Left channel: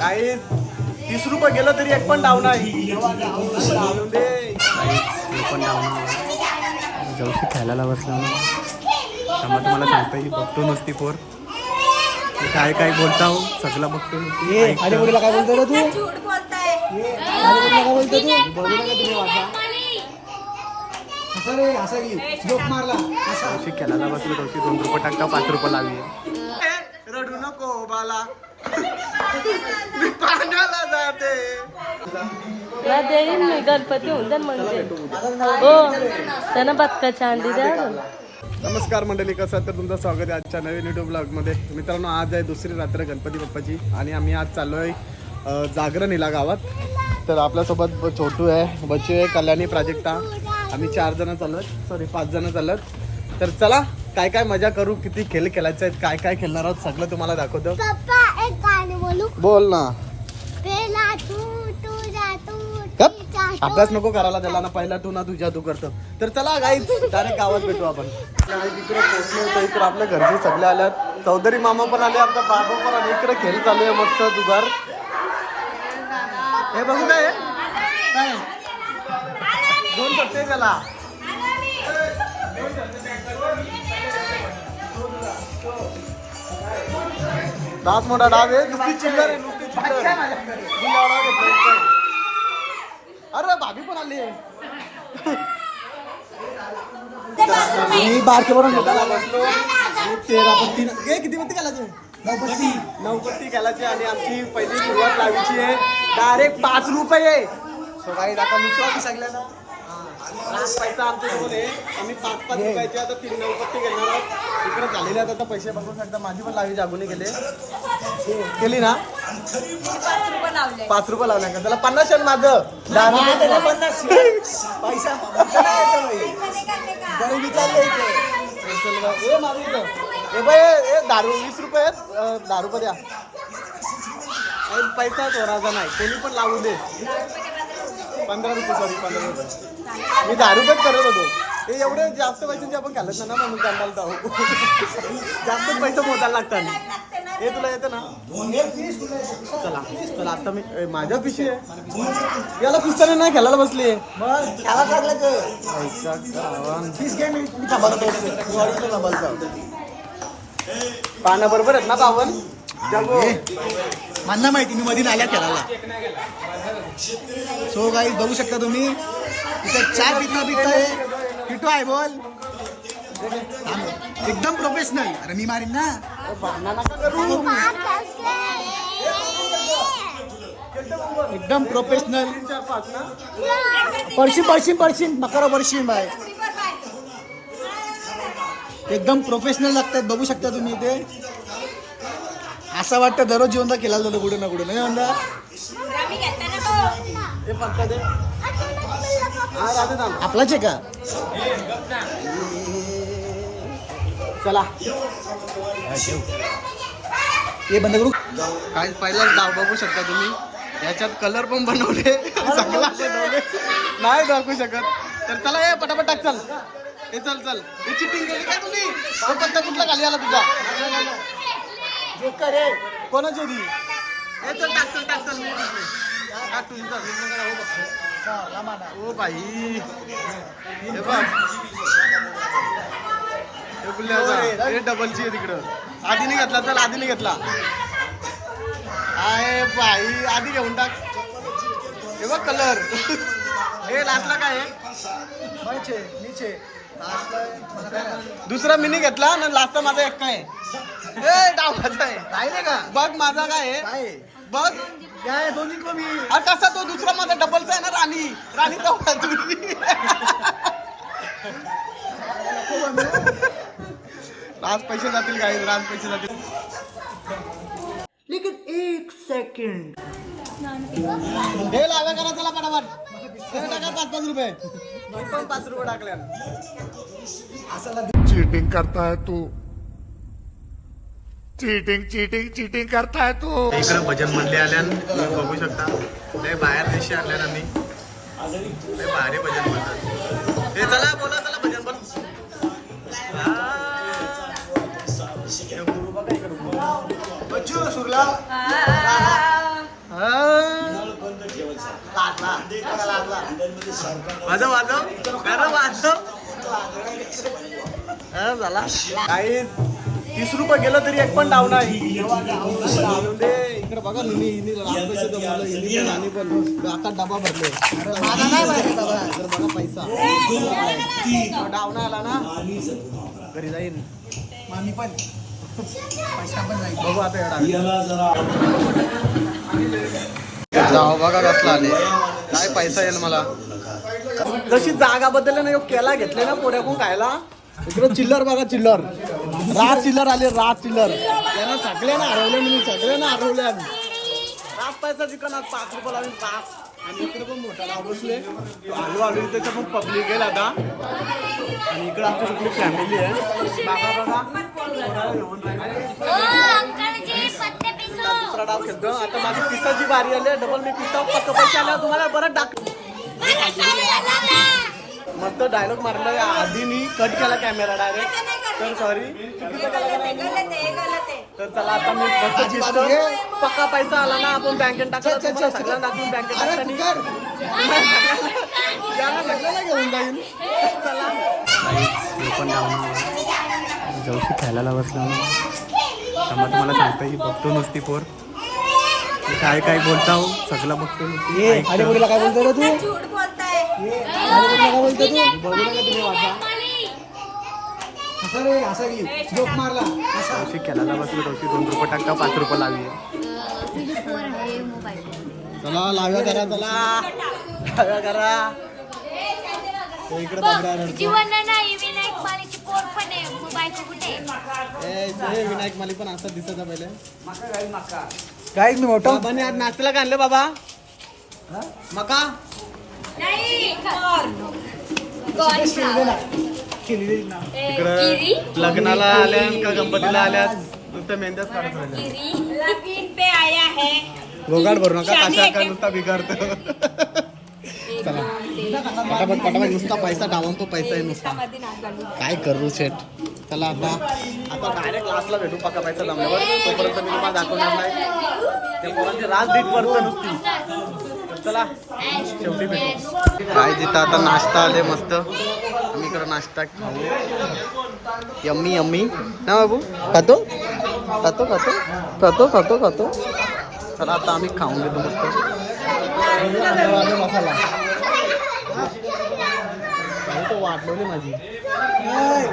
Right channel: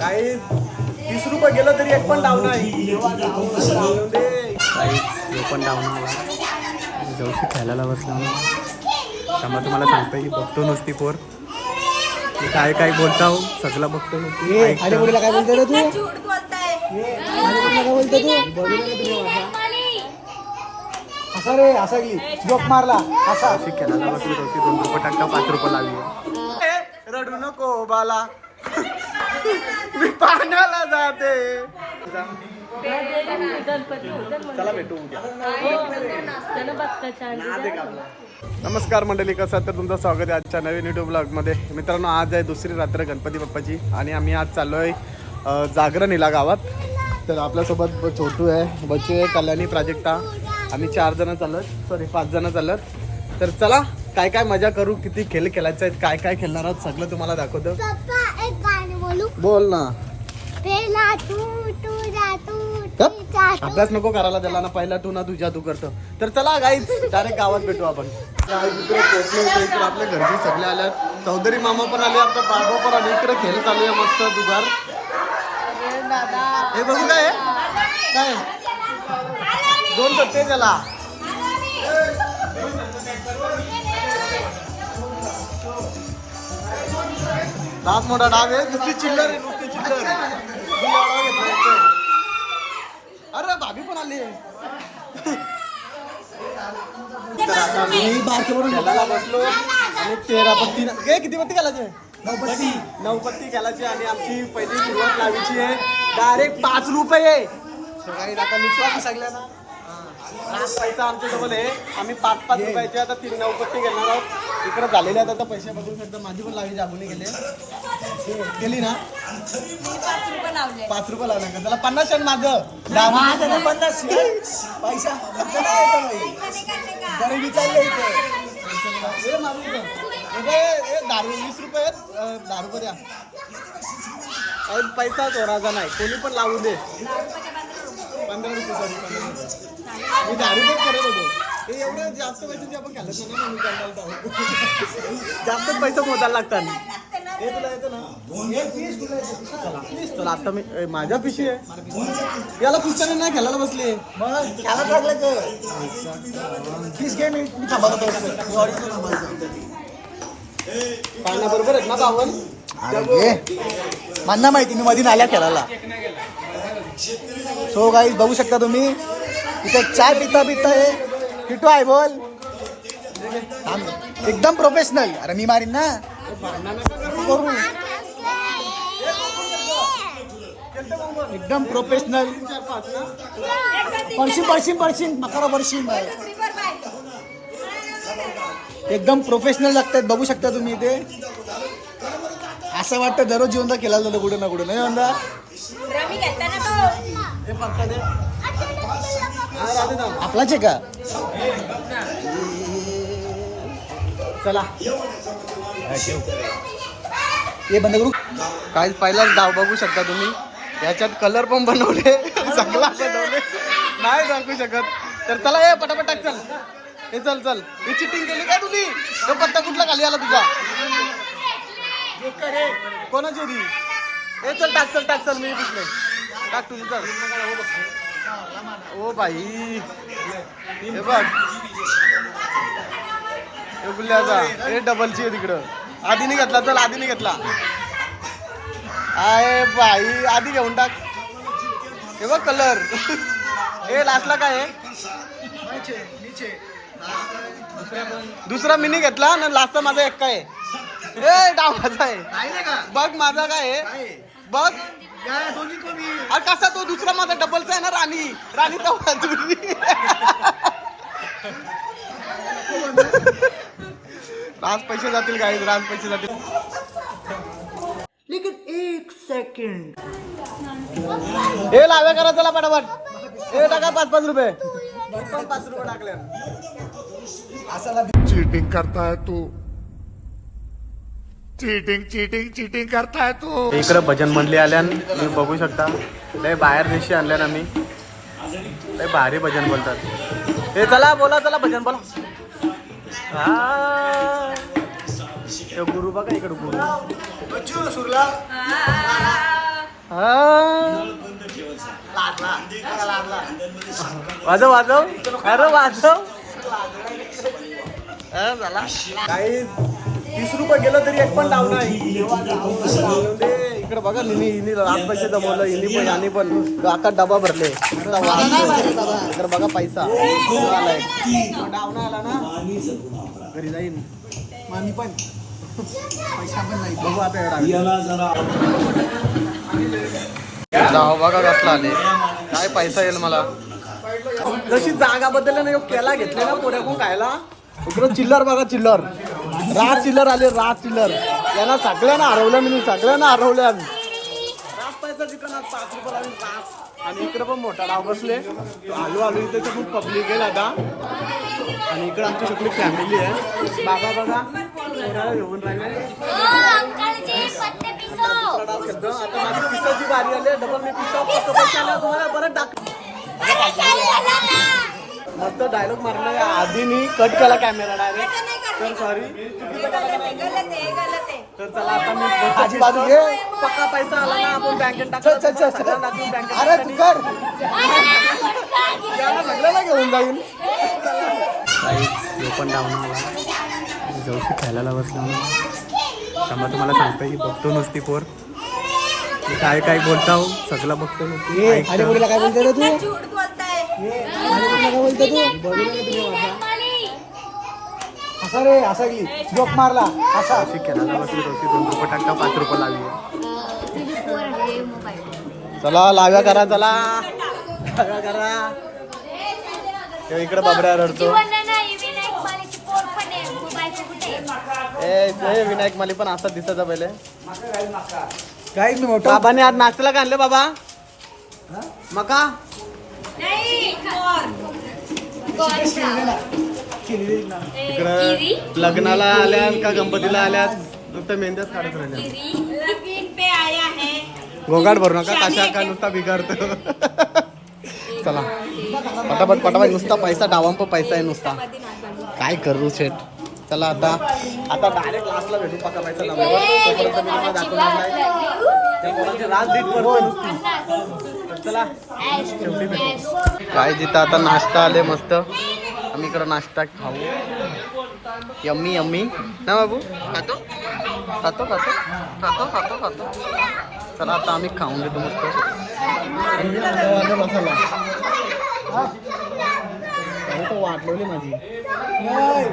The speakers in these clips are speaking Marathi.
काही तीस रुपये गेलं तरी एक पण डाऊन आहे एक पण डाऊन जवशी खेळायला बसला त्यामुळे तुम्हाला सांगतो की बघतो नुसती पोर. काय काय बोलता हो सगळं बघतो. काय बोलतो रे तू? झूठ बोलताय. काय बोलतो तू. असा रे असा की. जोक मारला. असा. खेळायला बसलो दोन रुपये टाकता पाच रुपये लावी रडू नको बाला. मी पाण्याला जाते. गणपती. भेटू उद्या. हो बघता नमस्कार मंडळी कसं आहे तर तुमचं स्वागत आहे आजच्या नवीन युट्यूब ब्लॉगमध्ये मित्रांनो आज आहे दुसरी रात्र गणपती बाप्पाची आणि आम्ही आज चाललो आहे जागरण हिला गावात. तर आपल्यासोबत ब- छोटू आहे बच्चू आहे कल्याणी प्राजक्ता. आम्ही चार जण चालत सॉरी पाच जण चालत तर चला काय काय मजा करू किती खेळ खेळायचे आहेत काय काय खेळणार आहोत सगळं तुम्हाला दाखवतो. बोलू ना. तू तू गप. तू. अभ्यास नको करायला त्याला ना पहिला तू ना तुझ्या तू करतो. तर चला गाईच डायरेक्ट गावात भेटू आपण. इकडे पोहोचलो तर इकडे आपल्या घरचे सगळे आल्यात. चौधरी मामा पण आले आमचा बाबा पण आले. इकडे खेळ चालू आहे मस्त दुगार हे बघू काय आहे? काय दोन सत्ते त्याला. डास मोठा डाव आहे नुसती चिल्लर आहे नुसती चिल्लर घेतला इथे. अरे भाभी पण आली आहे. मी बारके बनून खेळायला बसलो आणि तेरा पत्ती हे किती पत्ती घालायचे? नऊ नऊ पत्ती घालायची आणि आमची पहिली सुरुवात लावायची आहे. डायरेक्ट पाच रुपये So guys, आता आम्ही सगळ्यांना लास्ट पैसा आमच्या जवळ आहे. आम्ही पाच पाच रुपयाचे आता तीन नऊ पत्ती घेणार आहोत. इकडे झालेले आहेत आता पैसे बघू शकता माझी पण लावायची अगोदर गेले गेली ना? पाच रुपये लावले. पाच रुपये लावला का? त्याला पन्नास आहे माझं. दहा रुपये पन्नास पैसा. इथे. ए मारू इथं. ए दारू वीस रुपये आहेत. दहा रुपये द्या. पैसा चोराचा नाही. कोणी पण लावू दे. पंधरा रुपये सॉरी पंधरा रुपये. मी दहा रुपयेच करत होतो. ते एवढं जास्त पैसे आपण घालत नाही ना म्हणून काढायला जाऊ. जास्तच पैसे मोजायला लागतात. हे तुला येतं ना? चला आता मी ए, माझ्या पिशी आहे. याला पुस्तकाने नाही खेळायला बसली. मग त्याला टाकलं तीस घे मी मी मी ऑडिशन पाण्या बरोबर आहेत ना बावन? मला माहिती मी मधी नाल्या खेळाला सो काही बघू शकता तुम्ही इथे चाय पिता पिता आहे पिटू आहे बोल. एकदम प्रोफेशनल अरे मी मारीन ना. एकदम प्रोफेशनल चार पाच ना पडशीन पडशीन आहे नकार बाय. एकदम प्रोफेशनल लागतात बघू शकता तुम्ही इथे. असं वाटतं दररोज जिवंत केला जातो कुठे ना कुठे. नाही म्हणता हे पत्ता दे आपलाच आहे का? चला. हे बंद करू. काय पहिलाच डाव बघू शकता तुम्ही. याच्यात कलर पण बनवले चांगला बनवले. नाही दाखवू शकत. तर चला हे पटापट टाक चल. हे चल चल. हे चिटिंग केली काय तुम्ही? तो पत्ता कुठला खाली आला तुझा? कोणाची होती हे चल टाक चल टाक चल मी तिथले टाक तुझी चल ओ बाई. हे बघ. हे गुल्ल्याचा हे डबलची आहे तिकडं. आधी नाही घेतला चल आधी नाही घेतला. आहे बाई. आधी घेऊन टाक. हे बघ कलर हे लास्टला काय आहे? दुसरा मिनी घेतला ना लास्टचा माझा एक काय आहे? ए डाव माझा आहे. बघ माझा काय आहे. बघ. अरे कसा तो दुसरा माझा डबलचा आहे ना राणी. राणी तो बाजूनी राज पैसे जातील काय राज पैसे जातील. हे लाव्या करा चला पटापट हे टाका पाच पाच रुपये. पाच रुपये टाकले चीटिंग करता है तू. चीटिंग चीटिंग चीटिंग करताय तू. इकडे भजन मंडळी आल्यान तुम्ही बघू शकता. लय बाहेर देशी आणल्यान आम्ही. लय भारी भजन बोलतात. हे चला बोला चला भजन बोला. हा. गुरु बघा इकडे गुरु. सुरला. वाजव वाजव. अरे वाजव. अरे झाला काही तीस रुपये गेलं तरी एक पण डाव नाही. इकडे बघा हिनी लाख पैसे जमवलं हिनी पण आणि पण. आता डबा भरले. तर बघा पैसा. डाव नाही आला ना? घरी जाईन. मामी पण. पैसा पण नाही. बघू आता डाव बघा कसला आले. काय पैसा येईल मला? जशी जागा बदलली ना केला घेतले ना पोऱ्याकून खायला? इकडं चिल्लर बघा चिल्लर. राज चिल्लर आले राज चिल्लर. यांना सगळ्यांना हरवलं मी सगळ्यांना हरवलं आम्ही. राज पैसा चिकन आज पाच रुपये लावून पाच. आणि इकडे पण मोठा डाव बसले तो आलू आलू इथे पण पब्लिक आहे आता आणि इकडे आमची सगळी फॅमिली आहे. बाबा बघा येऊन डाव खेळतो आता माझी पिसाची बारी आली डबल मी पिसा पक्क पैसे आल्यावर तुम्हाला बरं टाक मस्त डायलॉग मारला आधी मी कट केला कॅमेरा डायरेक्ट तर सॉरी तर चला आता मी आजी बाजू घे. पक्का पैसा आला ना आपण बँकेत टाकला चल, चल, चल. सगळ्यांना दाखवून बँकेत अरे टाकताना. तू कर याला सगळ्याला घेऊन जाईल. पण डाऊन आला. जवशी खेळायला बसला त्यामुळे तुम्हाला सांगता ही बघतो नुसती पोर. काय काय बोलता हो सगळं बघतो नुसती ऐकतं. काय बोलतो रे तू? झूठ असा रे असा की जोक मारला असा खेळायला बसली दोन रुपये टाका पाच रुपये लावी चला लाव्या करा चला लाव्या करा इकडे बाबऱ्या रडतो? ए विनायक माली पण असा दिसायचा पहिले. काय मी मोठा बाबाने आज नाश्त्याला काय आणले बाबा? मका? इकडं लग्नाला आल्यात का गणपतीला आल्यात? नुसतं मेहंद्याच काढत राहिल्या लगीन पे आया है गोगाट भरू नका काचा का नुसता बिघाडतो. चला. पटापट पटापट नुसता पैसा डावांप पैसा आहे नुसता. काय करू शेट? चला आता आता डायरेक्ट लास्टला भेटू पक्का पैसा लावल्यावर. तोपर्यंत मी तुम्हाला दाखवणार नाही. त्या राज दीट पडतो नुसती. चला. शेवटी भेटू काय जिथं आता नाश्ता आले मस्त. आम्ही इकडं नाश्ता खाऊ. Yummy yummy. ना बाबू? खातो? खातो खातो? खातो खातो खातो? चला आता आम्ही खाऊन घेतो मस्त. मसाला तो वाटलेली माझी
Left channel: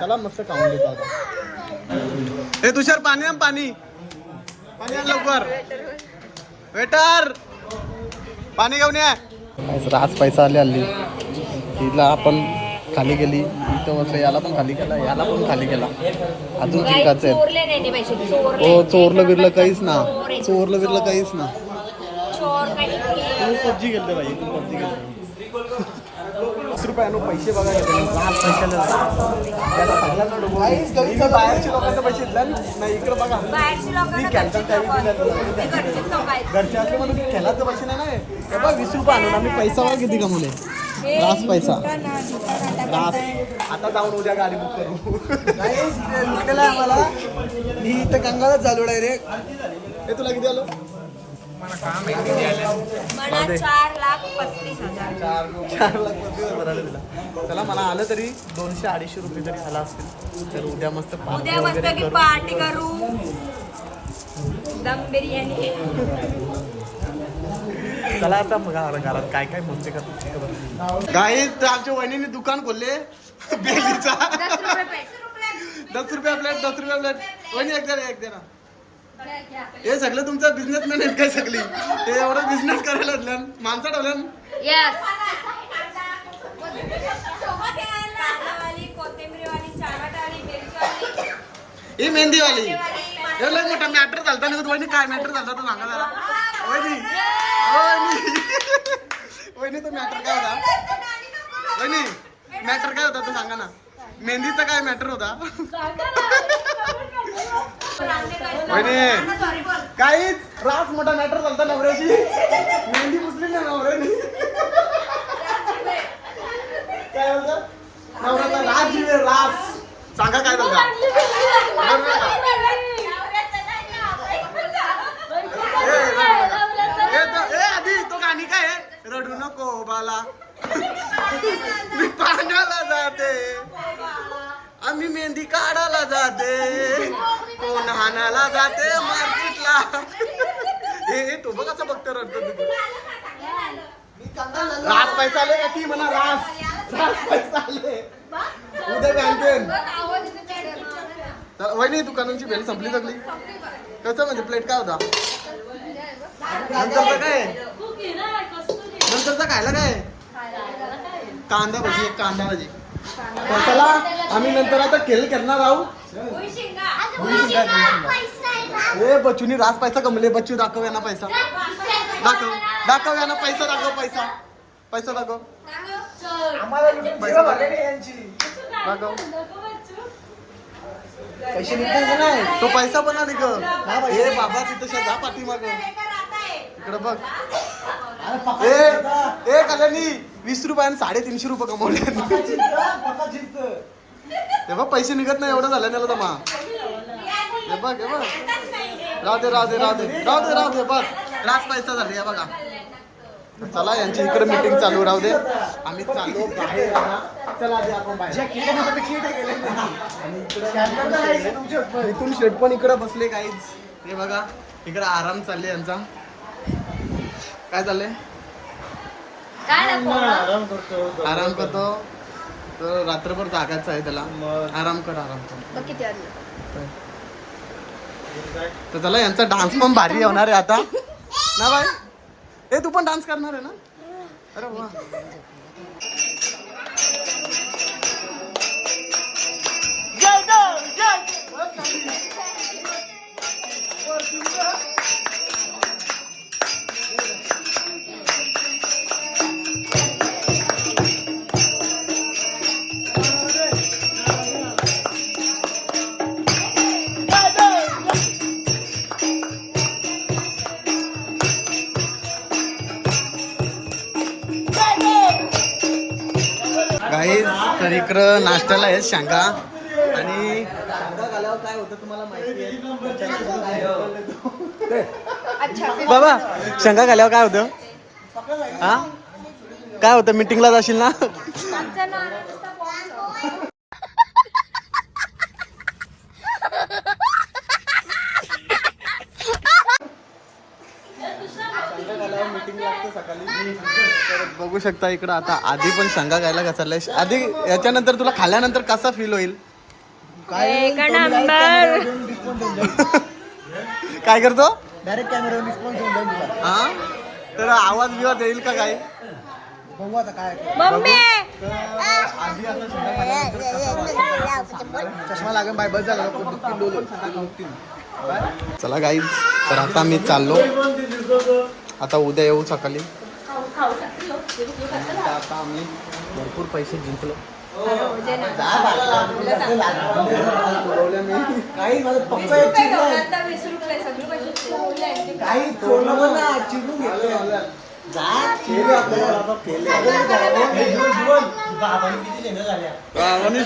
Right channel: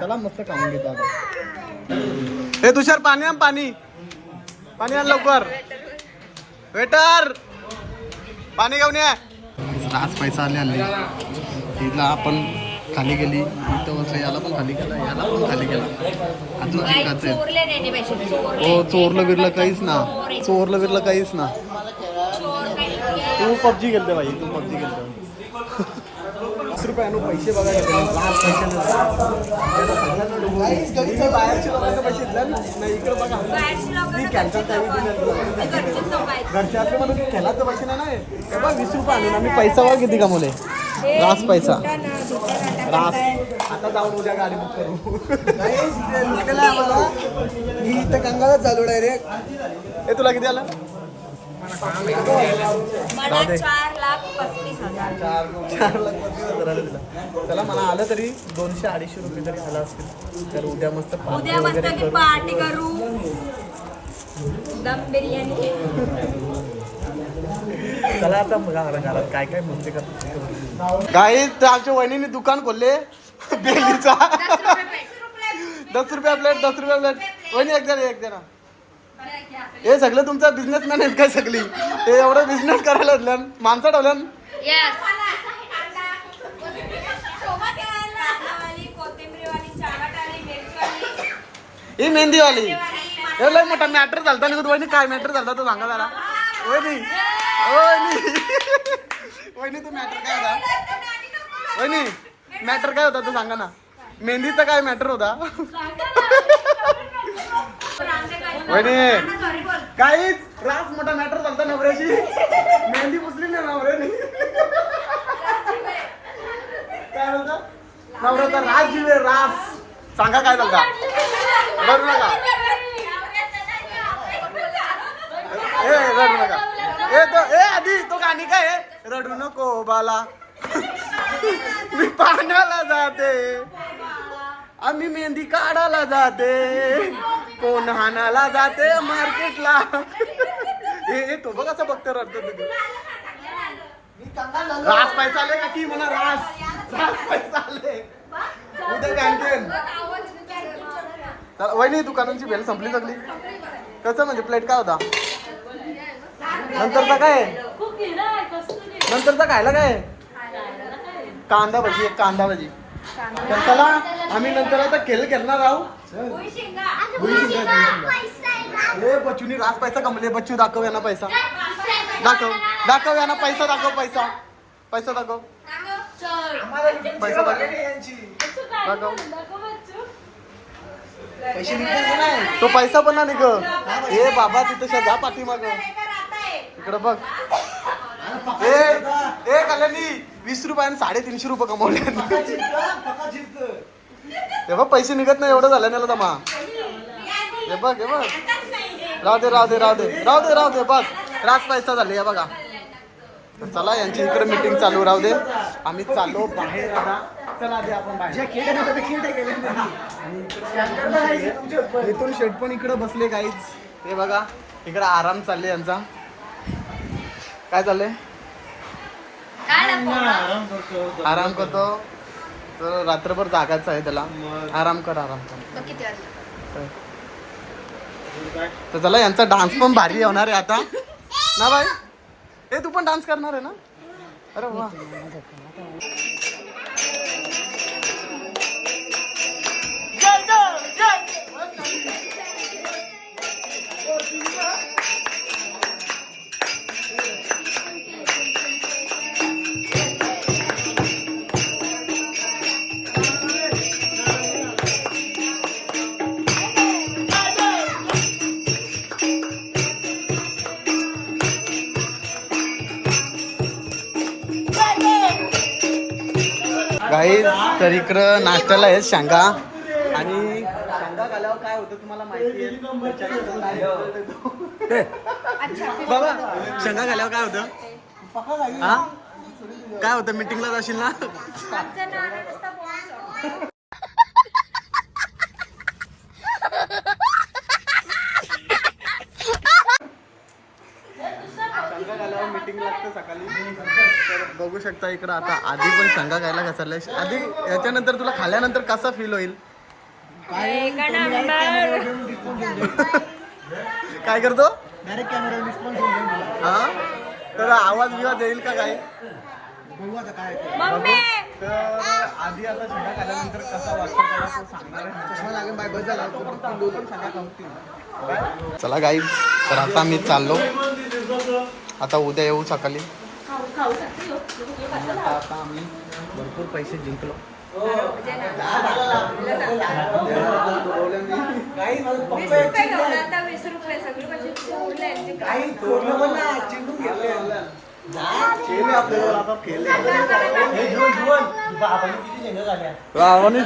चला मस्त खाऊन घेतो आता. हे तुषार पाणी आण पाणी. पाणी आण लवकर. वेटर! पाणी घेऊन ये. रास पैसा आले हल्ली. तिला आपण खाली गेली. इथं बसलं याला पण खाली केला याला पण खाली केला अजून जिंकायचं आहे. चोरले नाही पैसे चोरले हो चोरलं बिरलं काहीच ना. चोरलं. बिरलं काहीच ना. तू. पबजी खेळते भाई तू पबजी खेळते. वीस रुपयानं पैसे बघा पैशाला बाहेरच्या पैसे दिले ना. नाही इकडे बघा. बाहेरची मी लोकांना कॅन्सल काही दिले तुला. घरचेच लोक आहेत. घरचे असले म्हणून खेळाचे पैसे नाही ना बघ वीस रुपये आणून आम्ही पैसा बघ किती कमवले? रास पैसा. रास आता जाऊन उद्या गाडी बुक करू. लुटलेला आम्हाला. मी इथं गंगावत चालू डायरेक्ट हे तुला किती आलं? मला चार लाख पस्तीस हजार. चार चार लाख पस्तीस हजार आले तिला चला मला आलं तरी दोनशे अडीचशे रुपये तरी आला असतील. तर उद्या मस्त पार्टी उद्या मस्त वगैरे की करू. पार्टी करू. दम बिर्याणी. चला आता मग घरा- घरात काय काय बोलते का काही तर आमच्या वहिनीने दुकान खोलले. बेलीचा. दस रुपया प्लेट दस रुपया प्लेट वहिनी एक जण एक जण. हे सगळं तुमचा बिझनेसमॅन आहेत काय सगळी? हे एवढं बिझनेस करायला लागलं माणसं ठेवल्यान ही मेहंदीवाली हे लय मोठा मॅटर झालता नाही वहिनी काय मॅटर झालता तो सांगा जरा. वहिनी. वहिनी. वहिनी तो मॅटर काय होता? वहिनी मॅटर काय होता तो सांगा ना. मेहंदीचा काय मॅटर होता? वहिनी काहीच रास मोठा मॅटर चालता नवऱ्याची मेहंदी पुसली ना नवऱ्याने. काय बोलता? नवऱ्याचा रास जीव रास. सांगा काय चालता नका. ए, ए, आधी तो गाणी काय रडू नको बाला. मी पाण्याला जाते. आम्ही मेहंदी काढायला जाते. कोण हाणाला जाते मार्केटला? हे तो बघ असं बघतो रडतो तुझी रास पैसा आले का ती म्हणा रास? रास पैसा आले उद्या बँकेन तर वहिनी दुकानांची बेल संपली सगळी? कसं म्हणजे प्लेट काय होता? नंतरचा काय? नंतरचा खायला काय? कांदा भजी एक कांदा भजी. तर चला आम्ही नंतर आता खेळ खेळणार आहोत. ए बच्चूनी रास पैसा कमले बच्चू दाखव यांना पैसा. दाखव. दाखव यांना पैसा दाखव पैसा. पैसा दाखव. पैसा दाखव. दाखव. तो पैसा पण नाही ग. ए बाबा तिथं शा जा पाठीमाग. इकडे बघ. ए ए कल्याणी वीस रुपयाने साडेतीनशे रुपये कमवले. हे बघ पैसे निघत नाही एवढं झालं त्याला तमा हे बघ हे बघ. दे राहू दे राहू दे बस. रात पैसा झाले हे बघा. तर चला यांची इकडे मीटिंग चालू राहू दे. आम्ही चाललो बाहेर आता. चला आधी आपण बाहेर. आणि इकडे इथून शेट पण इकडे बसले काहीच हे बघा इकडे आराम चालले यांचा. काय चाललंय? आराम करतो तर रात्रभर जागायचं आहे त्याला. आराम कर आराम कर? तर चला यांचा डान्स पण भारी होणार आहे आता. ना बाय ए तू पण डान्स करणार आहे ना? अरे वा. इकडं नाश्त्याला आहेत शेंगा. आणि शेंगा घाल्यावर काय होतं तुम्हाला माहिती आहे? बाबा शेंगा घाल्यावर काय होतं? हा? काय होतं? मीटिंगला जाशील ना शेंगा घाल्यावर मीटिंग लागतं सकाळी. तर बघू शकता इकडं आता आधी पण शेंगा घायला घसरलाय. आधी याच्यानंतर तुला खाल्ल्यानंतर कसा फील होईल? काय करतो? डायरेक्ट कॅमेरा हा? तर आवाज बिवाज येईल का काय? बघू आता काय मम्मी! तर आधी आता शेंगा खाल्ल्यानंतर कसा वाटतो? त्याला तो सांगणार आहे. चष्मा लागेल बाय बस झाला. पण शेंगा खाऊतील चला गाईज तर आता मी चाललो. आता उद्या येऊ सकाळी. आणि आता आम्ही भरपूर पैसे जिंकलो.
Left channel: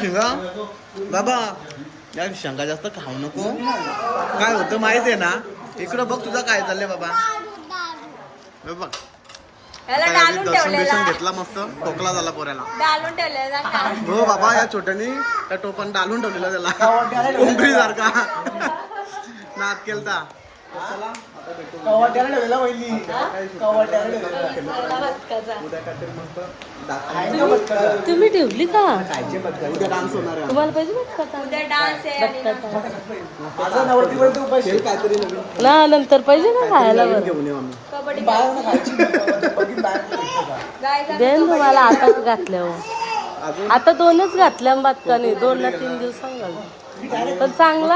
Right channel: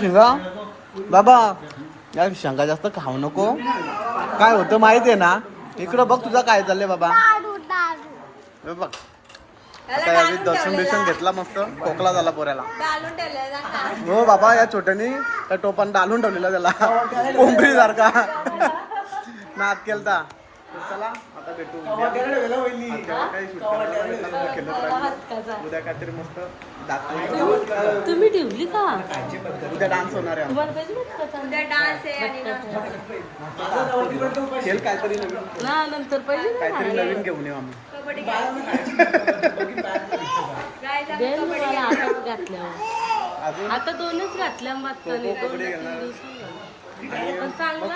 शिंगा? बाबा यार शेंगा जास्त खाऊ नको. काय होतं माहिती आहे ना? इकडं बघ तुझा काय चाललंय बाबा. हे बघ. आता यावेळी दर्शन बिर्शन घेतला मस्त. खोकला झाला पोऱ्याला? हो बाबा या छोट्यानी त्या टोपान डालून ठेवलेला त्याला. कोंबडी सारखा. नाद केलता. चला आता भेटू उद्या. काहीतरी मस्त दाखवून तुम्ही ठेवली का? उद्या डान्स होणार आहे काहीतरी नवीन. ना नंतर पाहिजे ना नवीन घेऊन येऊ आम्ही. कबड्डी तुम्हाला आताच अजून? आता दोनच घातल्या बातकाने दोन ना तीन दिवसांना पण चांगला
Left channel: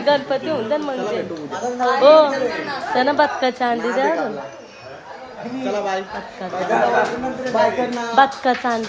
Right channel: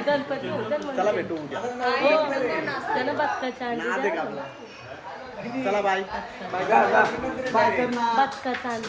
गणपती उद्या. हो त्यानं आहे अंडी चला बाय. बाय कर बाय